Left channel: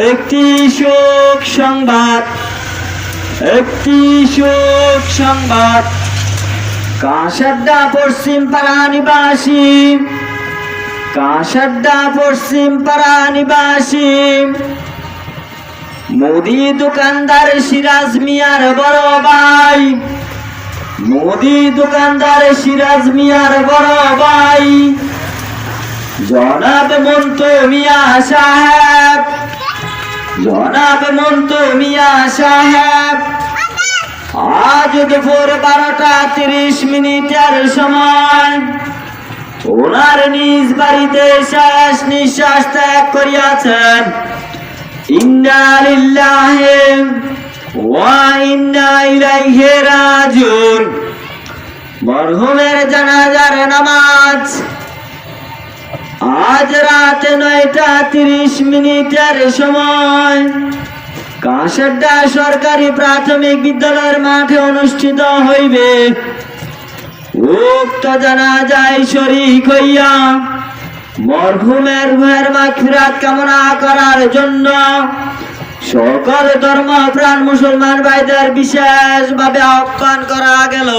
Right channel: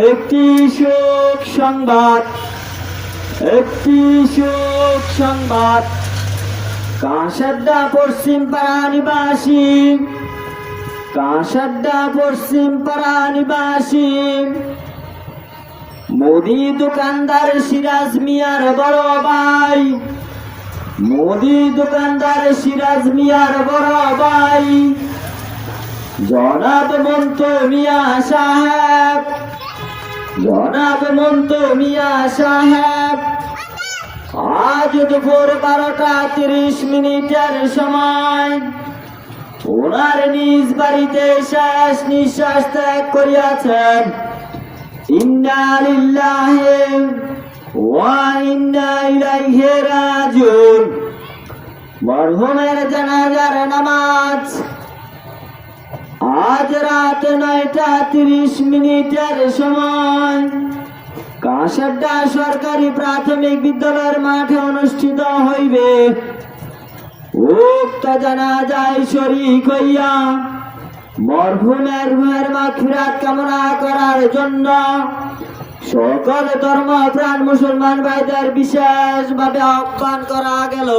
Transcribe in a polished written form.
একটি শোক সংবাদ, একটি শোক সংবাদ। কাঁসাড্ডা পশ্চিম পাড়া নিবাসী, কাঁসাড্ডা পশ্চিম পাড়া নিবাসী মুদি দোকানদার সিরাজ মিয়ার বড় ভাই, মুদি দোকানদার সিরাজ মিয়ার বড় ভাই জনাব মন্তু মিয়া সাহেব, জনাব মন্তু মিয়া সাহেব আজ দুপুর 12:30 সময় ওনার নিজ বাড়িতে শেষ নিঃশ্বাস ত্যাগ করিয়াছেন। ইন্না লিল্লাহি ওয়া ইন্না ইলাইহি রাজিউন। মরহুমের জানাজার নামাজ আজ রাত 9:30 সময় কাঁসাড্ডা সরকারি প্রাথমিক বিদ্যালয়ের মাঠে অনুষ্ঠিত হইবে। উক্ত জানাজায় শরীক হইয়া মরহুমের রূহের মাগফিরাত কামনা করার জন্য সকল ধর্মপ্রাণ মুসলমান ভাইদের বিশেষভাবে আহ্বান করা গেল।